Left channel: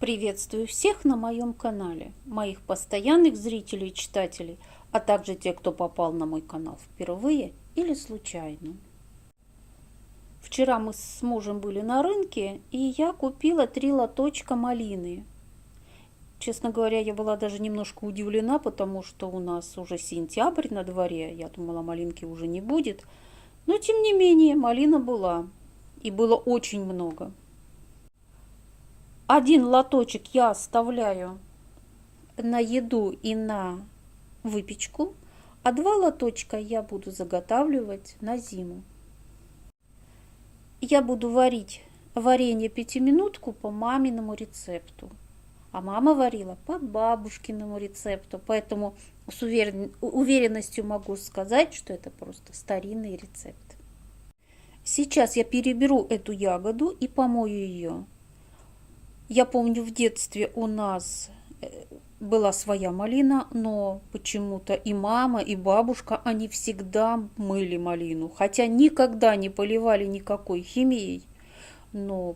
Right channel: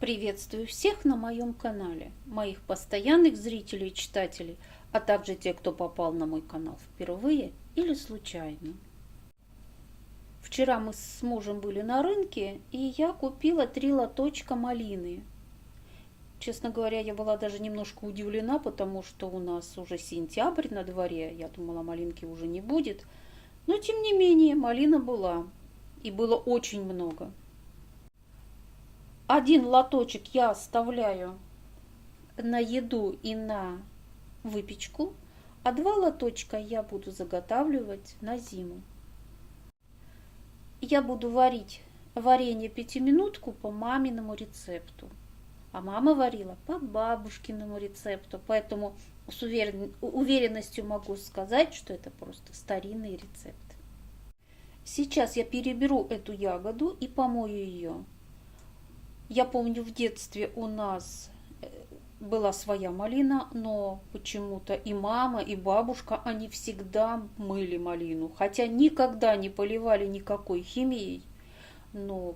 Приветствую всех на моем канале, моих постоянных зрителей и читателей, а также тех, кто попал на мой канал впервые или случайно. Вчера мы с мужем были на рынке, и я купила 3 лоточка малины. Честно говоря, я была даже немножко удивлена, потому что у нас уже сентябрь на дворе, я думала, малинки уже не будет. Но тем не менее, малина была, и было очень много. Один лоточек я оставляю на еду и на выпечку, а 2 лоточка я буду заготавливать на зиму. Я буду варить варенье пятиминутку по маминому рецепту, а мама варила по бабушкиному рецепту, поэтому с уверенностью могу сказать, что это просто старинный рецепт. Сейчас я переберу эту ягоду и помою ее. Я помню, в детстве у нас была своя малина, но почему-то и мама, и бабушка, они всегда мыли малину, хотя никогда не поливали никакой химией, но,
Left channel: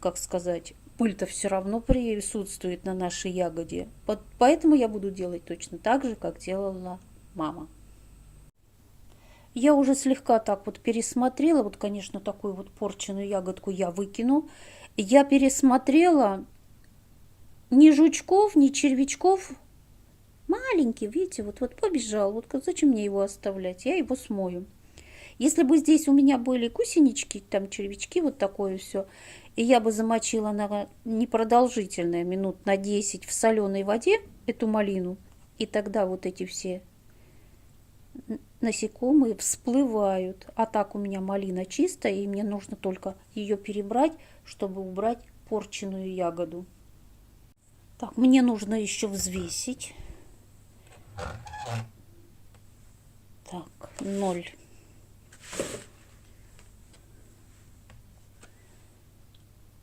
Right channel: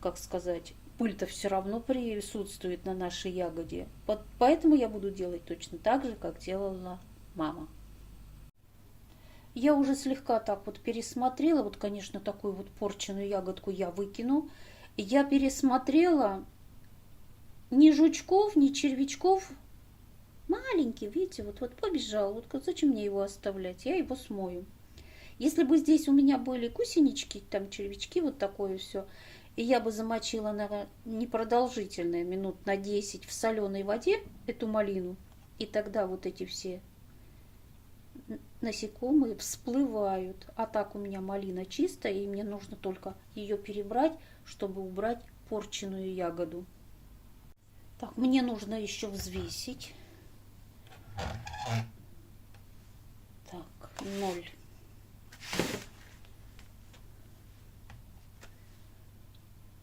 как сказать, пыль-то все равно присутствует на нашей ягоде, поэтому я буду делать точно так же, как делала мама. Я уже слегка так вот пересмотрела, вот, конечно, такую вот порченую ягодку я выкину. Я пересмотрела ни жучков, ни червячков. Маленький, видите, вот побежал. Вот зачем мне его оставлять? Я его смою. Если бы здесь у меня были гусенички, там червячки, вот такое все, и я бы замочила на непродолжительное, минут на 10 в соленой воде эту малину, и тогда вот эти все насекомые всплывают. А так у меня малина чистая, и мне нужно только ее перебрать, чтобы убрать порченую ягоду. Так, мне нужно еще взвесить. Так, 0.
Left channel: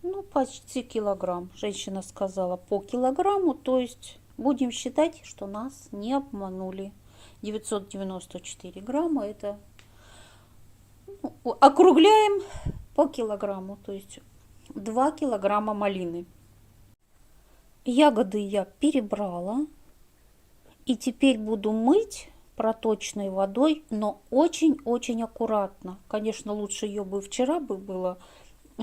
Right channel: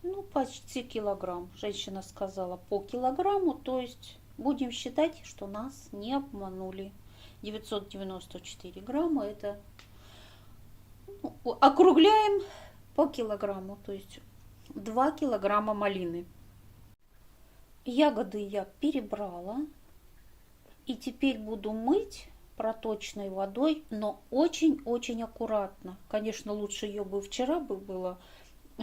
Ну, почти килограмм. Женщина сказала по килограмму, то есть будем считать, что нас не обманули. 994 грамма, это округляем по килограмму, то есть 2 килограмма малины. Ягоды я перебрала, и теперь буду мыть проточной водой, но очень-очень аккуратно. Конечно, лучше ее бы вчера было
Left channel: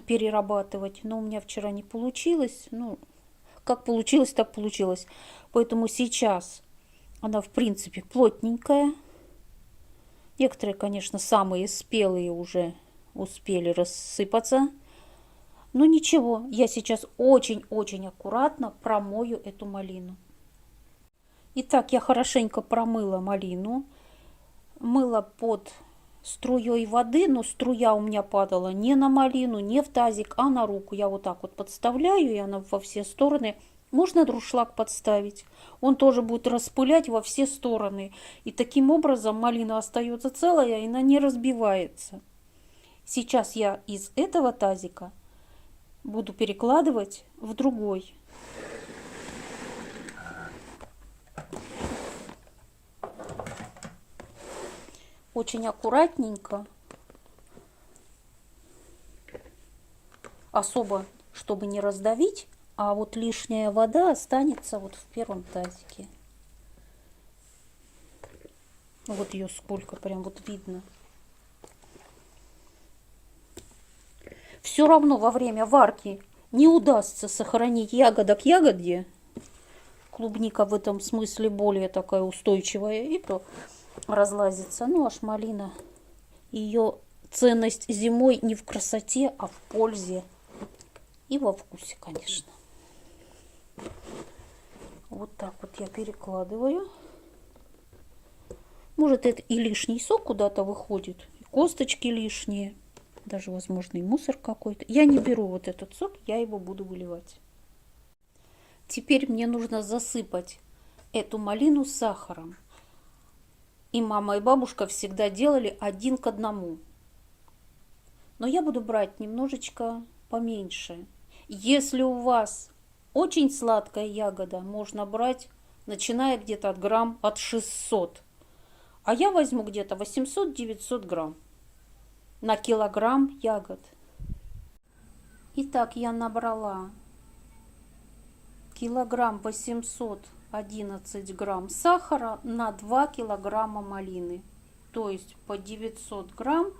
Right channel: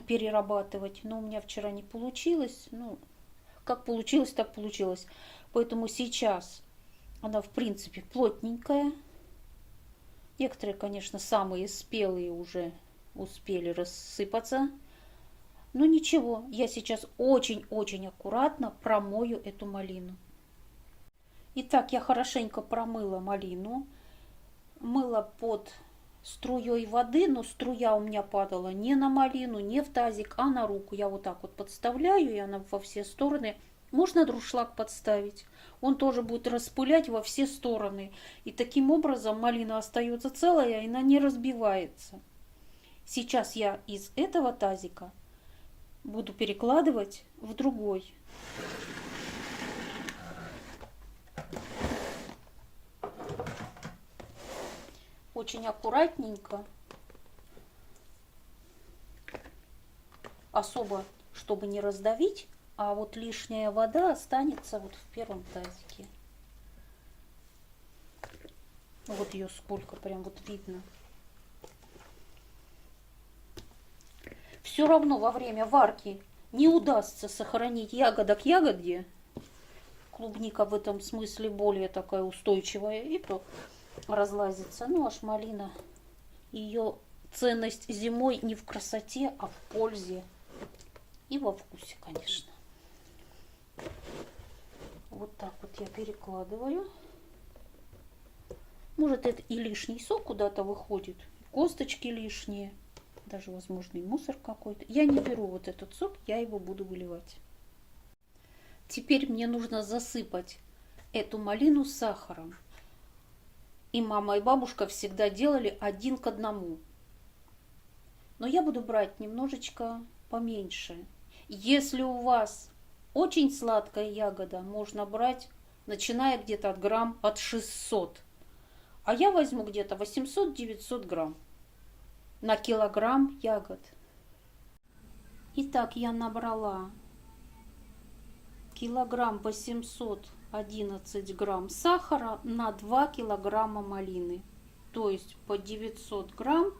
перерабатывать, но у меня вчера не получилось. Ну, как получилось, так получилось. Поэтому сейчас она, в принципе, плотненькая. Некоторые, конечно, самые спелые уже успели рассыпаться. Но ничего, я сейчас очень-очень аккуратно промою эту малину. Итак, я хорошенько промыла малину. Мыла под струей воды, но струя у меня падала не на малину, не в тазик, а на руку. Я вот так вот подставляю, и она во все стороны. Можно дуршлаг подставить. Он тоже будет распылять во все стороны. И таким образом малина остается целая, и она не разбивается. Сейчас я из этого тазика буду перекладывать в другой. Очень аккуратненько. Особо, чтобы не раздавить. А вот лишняя вода останется вот в первом тазике. Вот ее сколько, прям вот видно. Все равно во время варки не удастся сохранить ягода к ягоде. Клубника в этом смысле более такая устойчивая, и то разлазится. Ну, аж малина. Ее ценность зимой не в красоте, а в пользе. И во вкусе, конечно. Вот так вот я перекладываю. Может, это и лишний сок куда-то выходит, косточки лишние, даже, возможно, и мусор какой-то. Я не беру вот этот сок, я его буду выливать. Теперь мне нужно засыпать эту малину сахаром. И мама, и бабушка всегда делали 1 к 1. Но я буду брать немножечко поменьше. Если у вас очень сладкая ягода, можно брать, начиная где-то от грамм от 600. А я возьму где-то 800-900 грамм на килограмм ягод. Итак, я набрала килограмм 811 грамм сахара на 2 килограмма малины. То есть по 900 грамм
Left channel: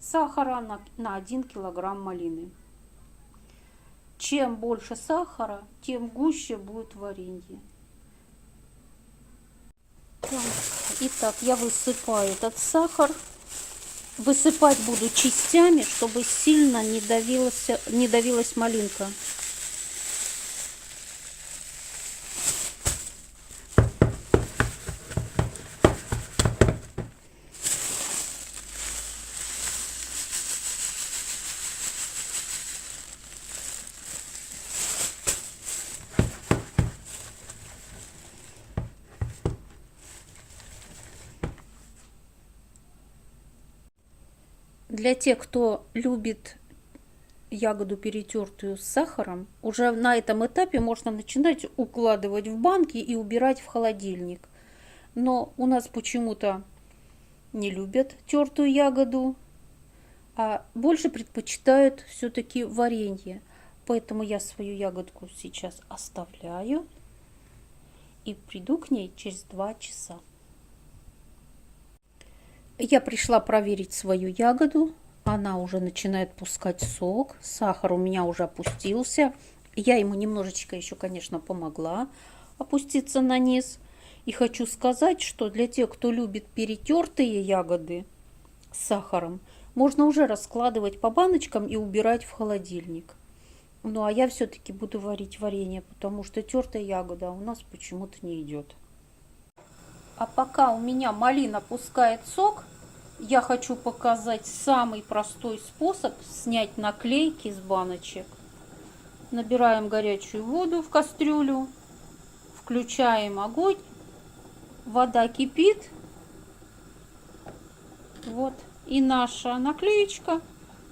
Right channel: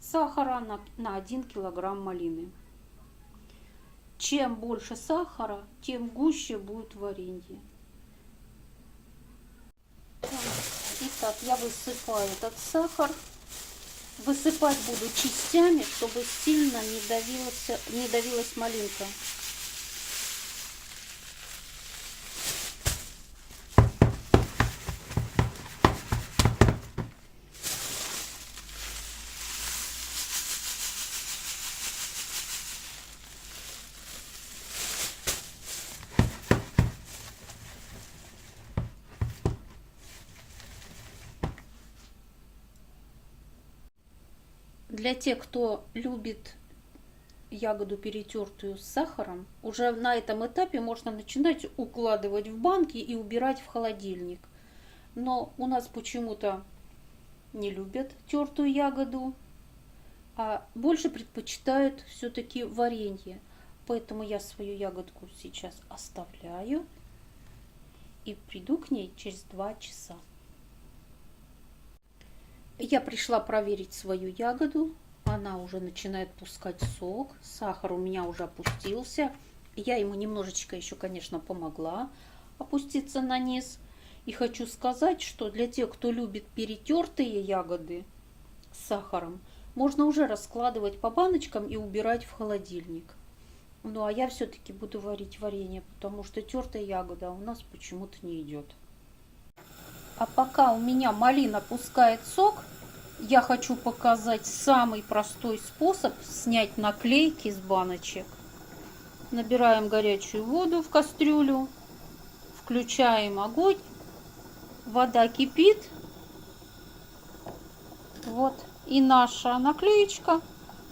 сахара на 1 килограмм малины. Чем больше сахара, тем гуще будет варенье. Итак, я высыпаю этот сахар. Высыпать буду частями, чтобы сильно не давилась малинка. Для тех, кто любит ягоду перетертую с сахаром, уже на этом этапе можно начинать укладывать в банки и убирать в холодильник. Но у нас почему-то не любят тертую ягоду, а больше предпочитают все-таки варенье. Поэтому я свою ягодку сейчас оставляю и приду к ней через 2 часа. Я пришла проверить свою ягоду. Она уже начинает пускать сок. Сахар у меня уже опустился. Я ему немножечко еще, конечно, помогла опуститься на низ. И хочу сказать, что для тех, кто любит перетертые ягоды с сахаром, можно уже раскладывать по баночкам и убирать в холодильник. Ну, а я все-таки буду варить варенье, потому что тертая ягода у нас почему-то не идет. А пока у меня малина пускает сок, я хочу показать самый простой способ снять наклейки с баночек. Набираем горячую воду в кастрюлю, включаем огонь, вода кипит. Вот, и наша наклеечка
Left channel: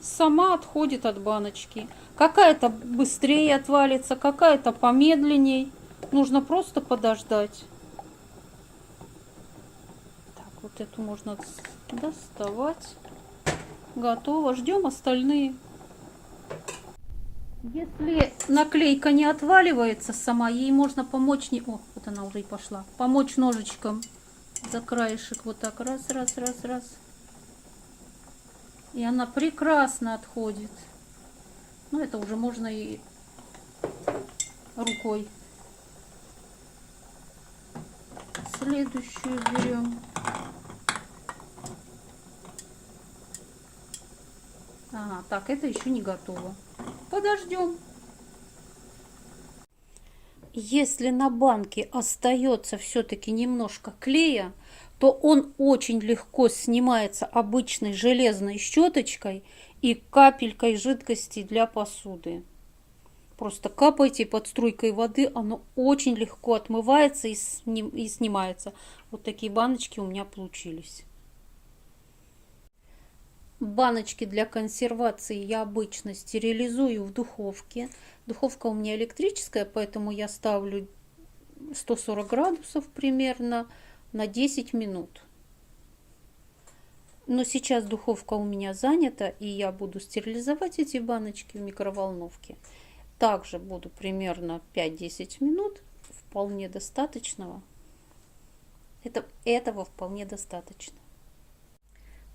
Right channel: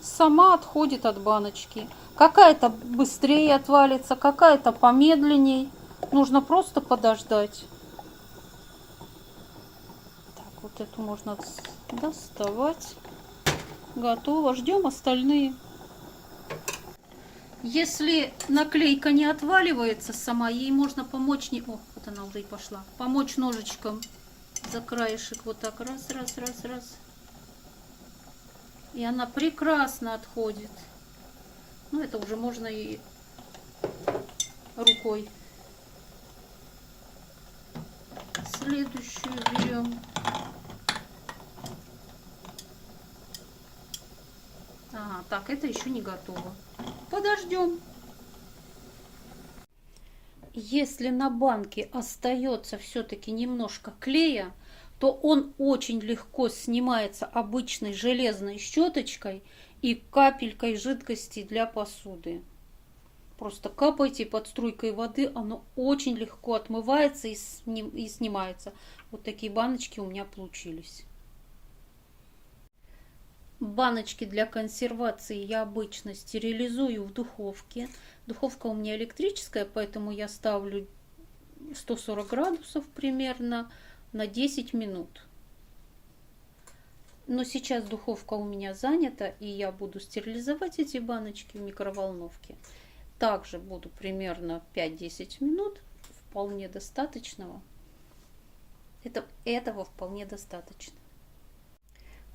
сама отходит от баночки. Какая-то быстрее отвалится, какая-то помедленней. Нужно просто подождать. Вот эту можно доставать. Готово. Ждем остальные. Если наклейка не отваливается сама, ей можно помочь. О, вот она уже и пошла. Помочь ножичком за краешек. Вот так. Раз. И она прекрасно отходит. Ну, это уже можно и рукой. Следующую берем. Ага, так, это еще не готово. Подождем. Если на банке остается все-таки немножко клея, то он очень легко снимается обычной железной щеточкой и капелькой жидкости для посуды. Просто капайте под струйкой воды, оно очень легко отмывается и снимается. Вот такие баночки у меня получились. Баночки для консервации я обычно стерилизую в духовке. Духовка у меня электрическая, поэтому я ставлю 140 градусов примерно на 10 минут. Но сейчас духовка у меня занята, и я буду стерилизовать эти баночки в микроволновке. Также буду примерно 5-10 минут. Вполне достаточного. Этого вполне достаточно.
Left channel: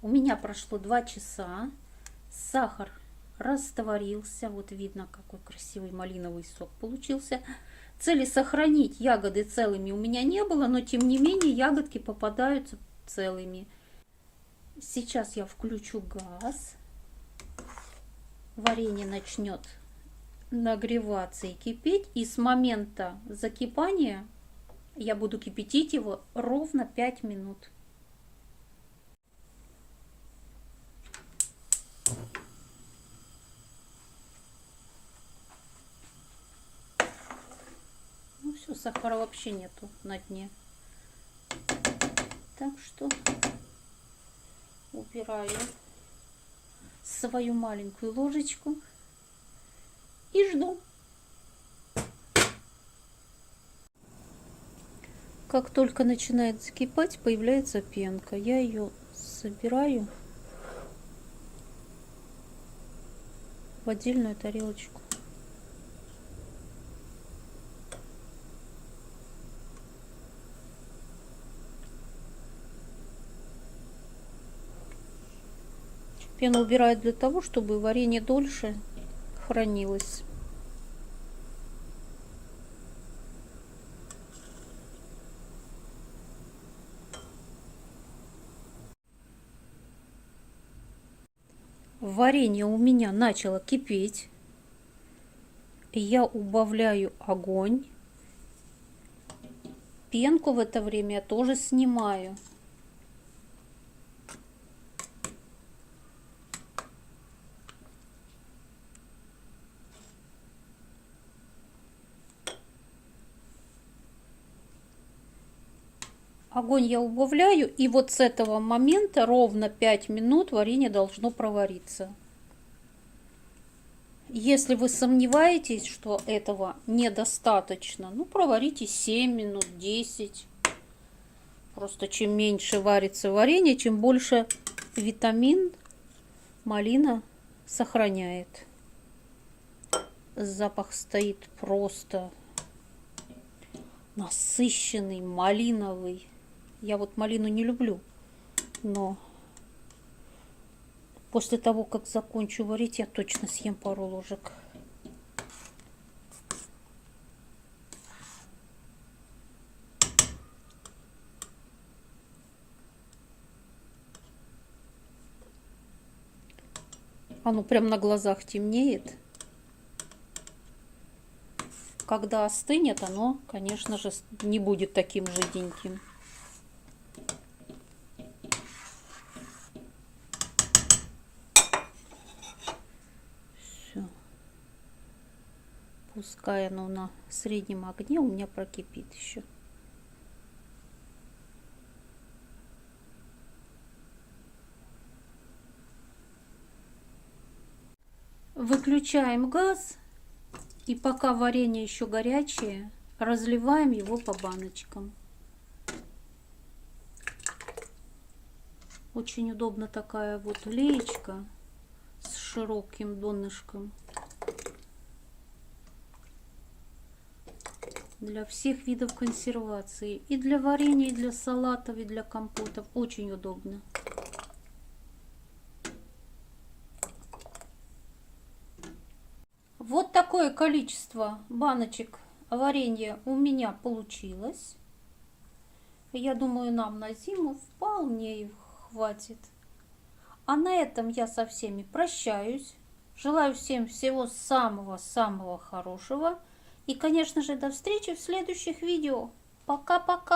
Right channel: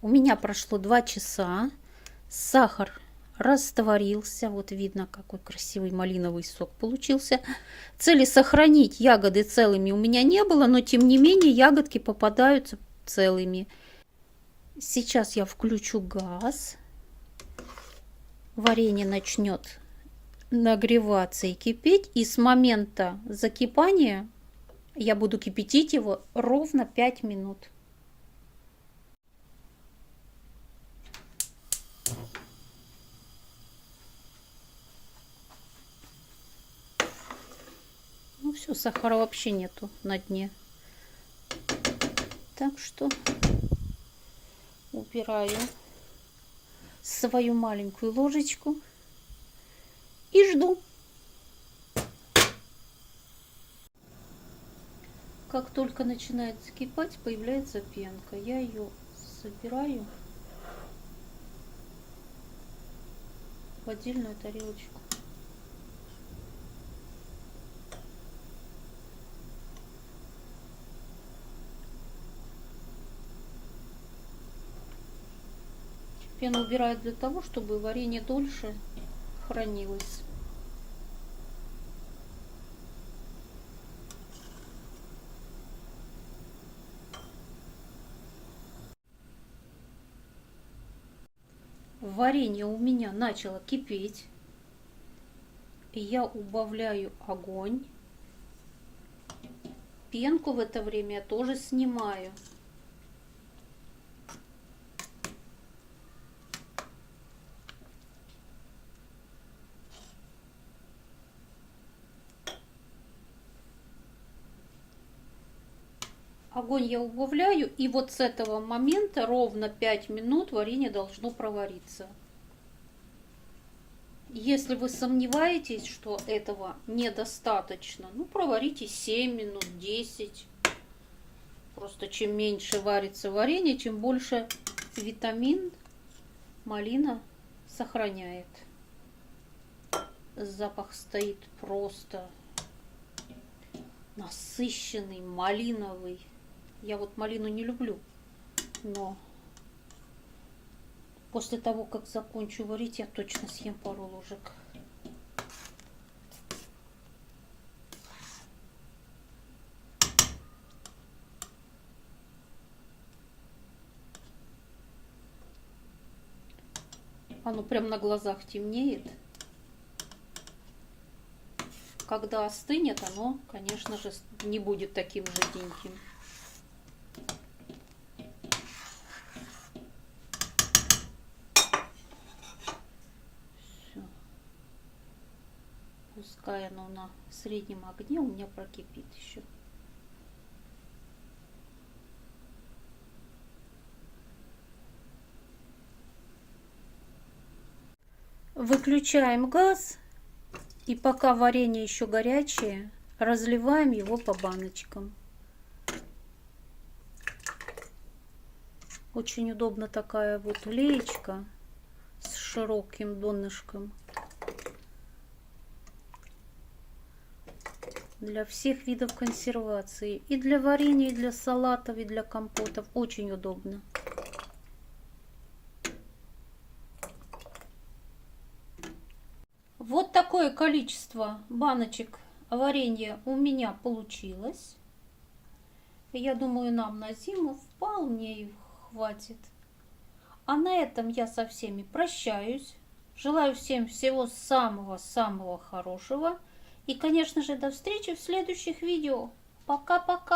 У меня прошло 2 часа. Сахар растворился. Вот видно, какой красивый малиновый сок получился. Цели сохранить ягоды целыми у меня не было, но тем не менее ягодки попадаются целыми. Сейчас я включу газ. Варенье начнет нагреваться и кипеть. И с момента закипания я буду кипятить его ровно 5 минут. Ну все, сахара вообще нету на дне. Так что убираю свою маленькую ложечку и жду. Как только начинает закипать, появляется пенка. Я ее собираю в отдельную тарелочку. Пену убирают для того, чтобы варенье дольше хранилось. Варенье у меня начало кипеть. Я убавляю огонь. Пенку в это время я тоже снимаю. Огонь я убавляю, и вот с этого момента ровно 5 минут варенье должно провариться. Если вы сомневаетесь, что этого недостаточно, ну проварите 7 минут, 10. Просто чем меньше варится варенье, чем больше витамин малина сохраняет. Запах стоит просто насыщенный, малиновый. Я вот малину не люблю, но после того, как закончу варить, я точно съем пару ложек. Оно прям на глазах темнеет. Когда остынет, оно, конечно же, не будет таким жиденьким. Все. Пускай оно на среднем огне у меня прокипит еще. Выключаем газ. И пока варенье еще горячее, разливаем его по баночкам. Очень удобно такая вот леечка с широким донышком. Для всех видов консервации. И для варенья, и для салатов, и для компотов. Очень удобно. Вот такое количество баночек варенья у меня получилось. Я думаю, нам на зиму вполне хватит. А на этом я со всеми прощаюсь. Желаю всем всего самого-самого хорошего. И, конечно же, до встречи в следующих видео. Пока-пока!